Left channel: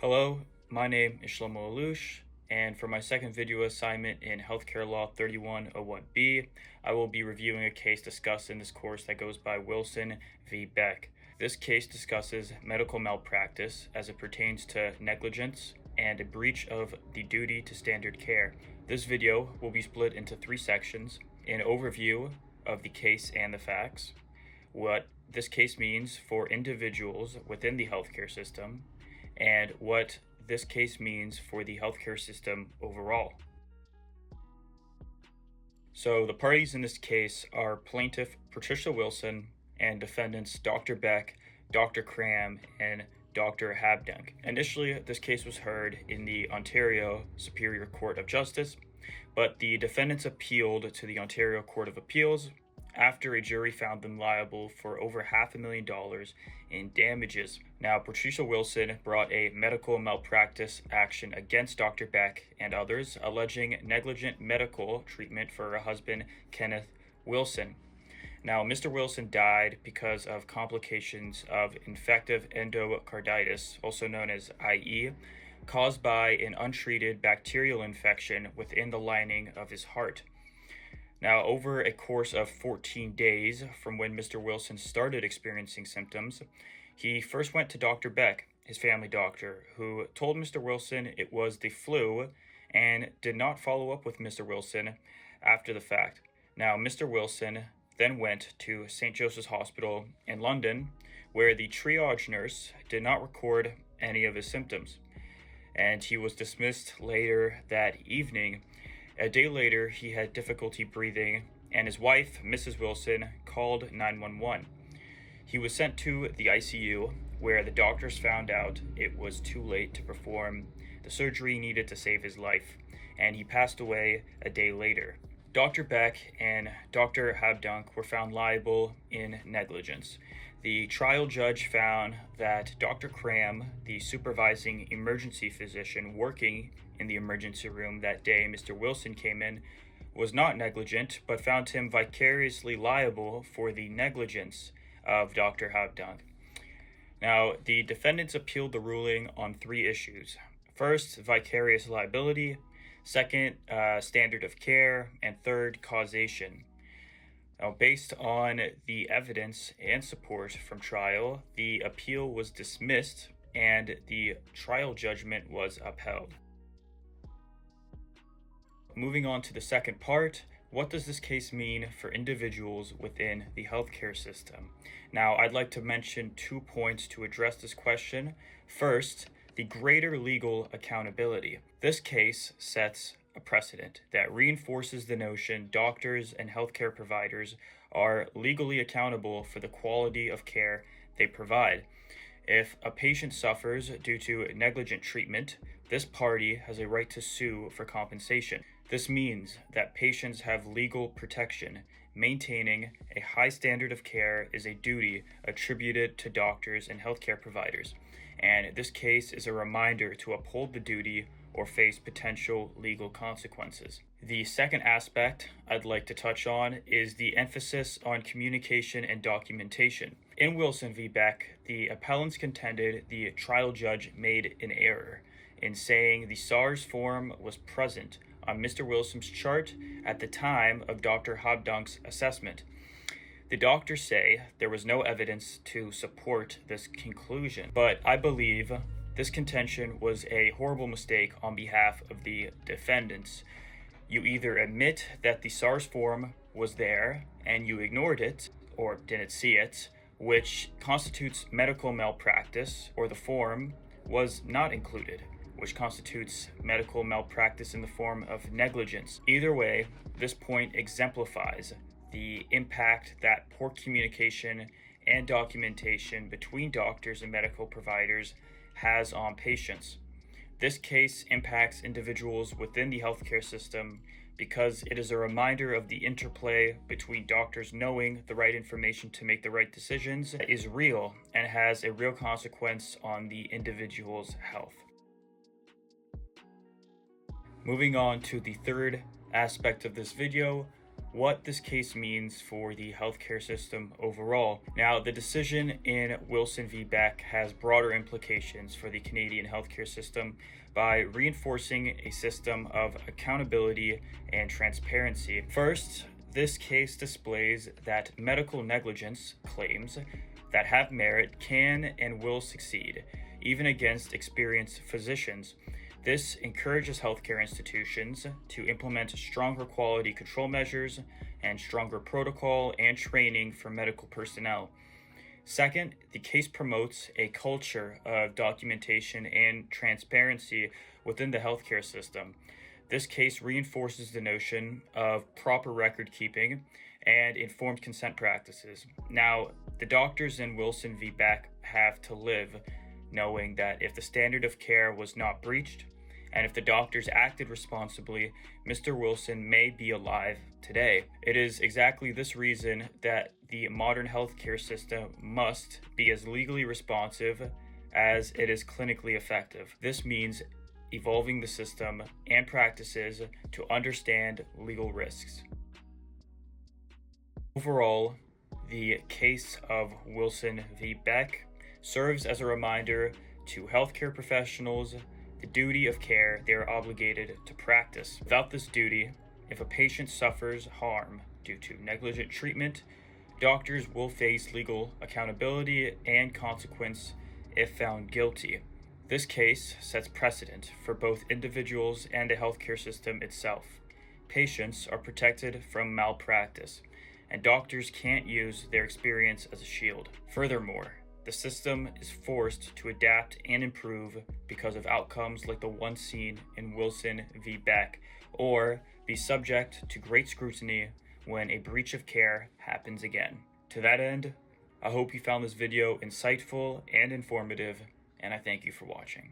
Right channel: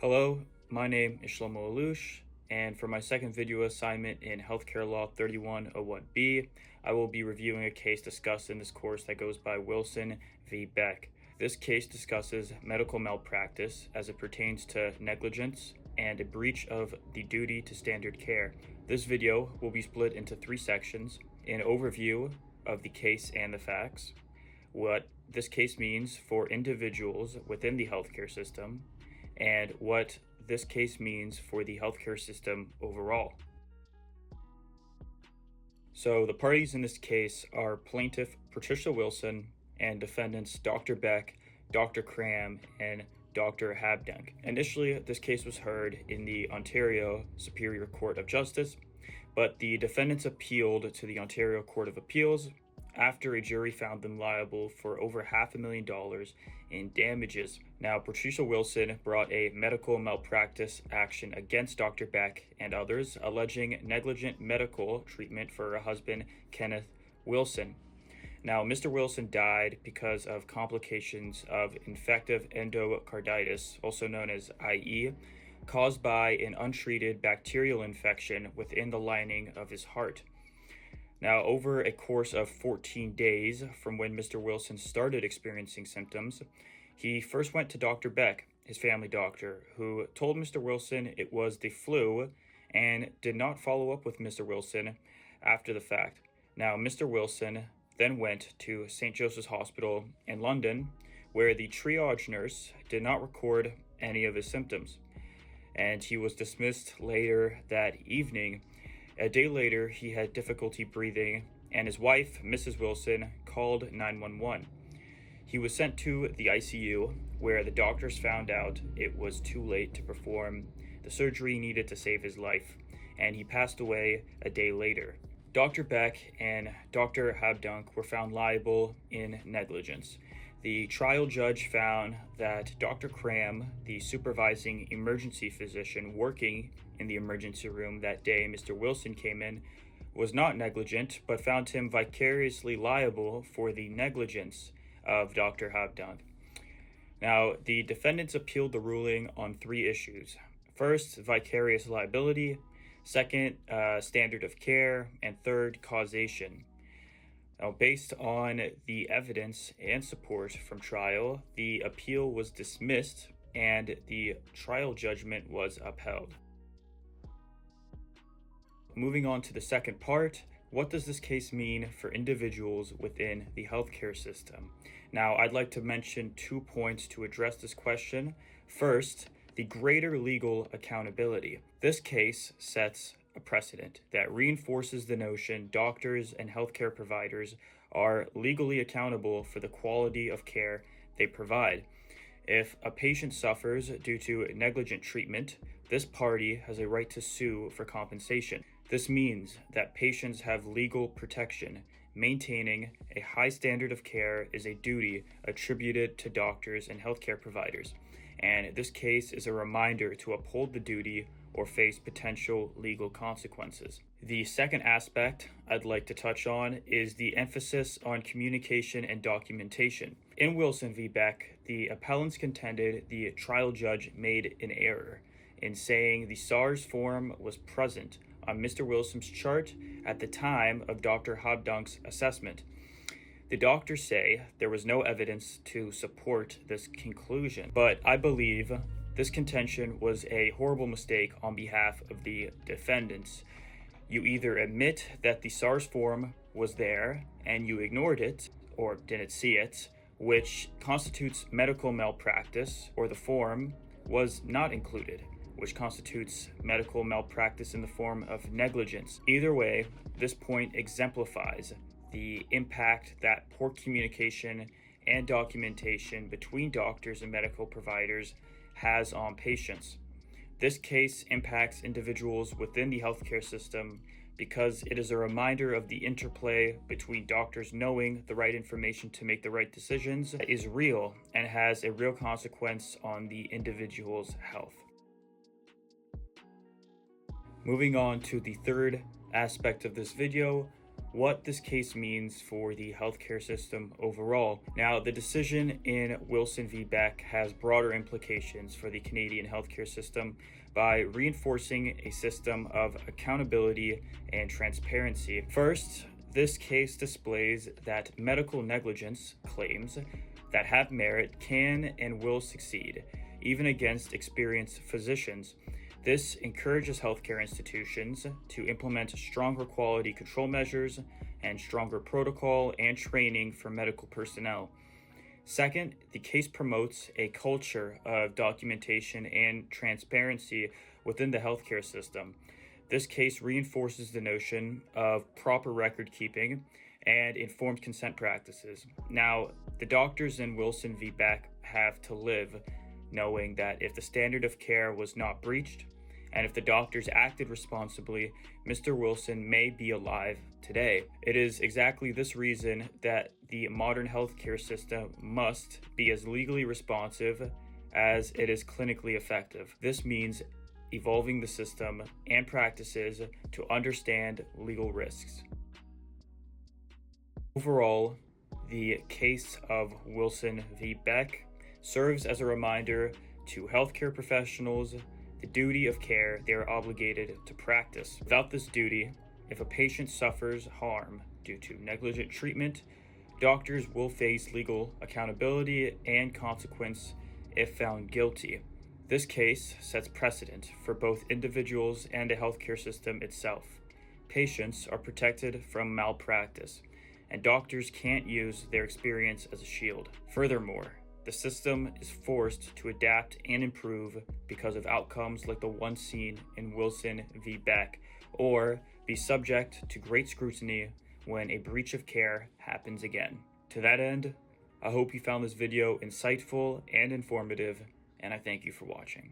Hello, my name is Shlomo Allouche, and for my second video assignment in Healthcare Law 3101B, I will be reviewing a case discussed in this course that goes by Wilson v. Beck. This case discusses medical malpractice as it pertains to negligence and a breach of the duty to standard care. This video will be split into three sections: an overview of the case and the facts, what this case means for individuals within the healthcare system, and what this case means for the healthcare system overall. So the parties in this case are plaintiff Patricia Wilson and defendants Dr. Beck, Dr. Cram, and Dr. Habdank. Initially, this case was heard in the Ontario Superior Court of Justice, but the defendants appealed to the Ontario Court of Appeals after a jury found them liable for over $500,000 in damages. Now, Patricia Wilson brought a medical malpractice action against Dr. Beck and others, alleging negligent medical treatment for her husband, Kenneth Wilson. Now, Mr. Wilson died because of complications of infective endocarditis, also known as IE, caused by an untreated bacterial infection within the lining of his heart. Now, over a course of 14 days from when Mr. Wilson started experiencing symptoms, he first went to Dr. Beck, his family doctor, who told Mr. Wilson it was the flu and did not follow up with Mr. Wilson after the fact. Now, Mr. Wilson then went to St. Joseph's Hospital in London, where the triage nurse did not record any of his symptoms, and he was dismissed later that evening. A day later, he had difficulty breathing, and his wife, Mrs. Wilson, called 911. He was sent to the ICU, where the doctors found out it was too late to perform the surgery needed to save his life, and he passed away a day later. Dr. Beck and Dr. Habdank were found liable in negligence. The trial judge found that Dr. Cram, the supervising emergency physician working in the emergency room that day Mr. Wilson came in, was not negligent, but found him vicariously liable for the negligence of Dr. Habdank. Now, the defendants appealed the ruling on three issues. First, vicarious liability; second, standard of care; and third, causation. Now, based on the evidence and support from trial, the appeal was dismissed and the trial judgment was upheld. Moving on to the second part, what does this case mean for individuals within the healthcare system? Now, I'd like to mention 2 points to address this question. First, the greater legal accountability. This case sets a precedent that reinforces the notion doctors and healthcare providers are legally accountable for the quality of care they provide. If a patient suffers due to negligent treatment, this party has a right to sue for compensation. This means that patients have legal protection. Maintaining a high standard of care is a duty attributed to doctors and healthcare providers, and this case is a reminder to uphold the duty or face potential legal consequences. The second aspect I'd like to touch on is the emphasis on communication and documentation. In Wilson v. Beck, the appellants contended the trial judge made an error in saying the SARS form was present on Mr. Wilson's chart at the time of Dr. Habdank's assessment. The doctors say there was no evidence to support this conclusion, but I believe this contention was a horrible mistake on behalf of the defendants. You either admit that the SARS form was there and you ignored it or didn't see it, which constitutes medical malpractice, or the form was not included, which constitutes medical malpractice in the form of negligence. Either way, this point exemplifies the impact that poor communication and documentation between doctors and medical providers has on patients. This case impacts individuals within the healthcare system because it is a reminder of the interplay between doctors knowing the right information to make the right decisions is real and has a real consequence on the individual's health. Moving on to the third aspect of this video, what this case means for the healthcare system overall. Now, the decision in Wilson v. Beck has broader implications for the Canadian healthcare system by reinforcing a system of accountability and transparency. First, this case displays that medical negligence claims that have merit can and will succeed, even against experienced physicians. This encourages healthcare institutions to implement stronger quality control measures and stronger protocol and training for medical personnel. Second, the case promotes a culture of documentation and transparency within the healthcare system. This case reinforces the notion of proper record keeping and informed consent practices. Now, the doctors in Wilson v. Beck have to live knowing that if the standard of care was not breached, and if the doctors acted responsibly, Mr. Wilson may be alive today. It is exactly this reason that the modern healthcare system must be as legally responsive as it is clinically effective. This means evolving the system and practices to understand legal risks. Overall, the case of Wilson v. Beck serves as a reminder to healthcare professionals the duty of care they are obligated to practice. Without this duty, if a patient suffers harm due to negligent treatment, doctors will face legal accountability and consequence if found guilty. This case sets precedent for both individuals and the healthcare system itself. Patients are protected from malpractice, and doctors can't use their experience as a shield. Furthermore, the system is forced to adapt and improve because of outcomes like the one seen in Wilson v. Beck, or be subject to great scrutiny when a breach of care happens again. To that end, I hope you found this video insightful and informative, and I thank you for watching.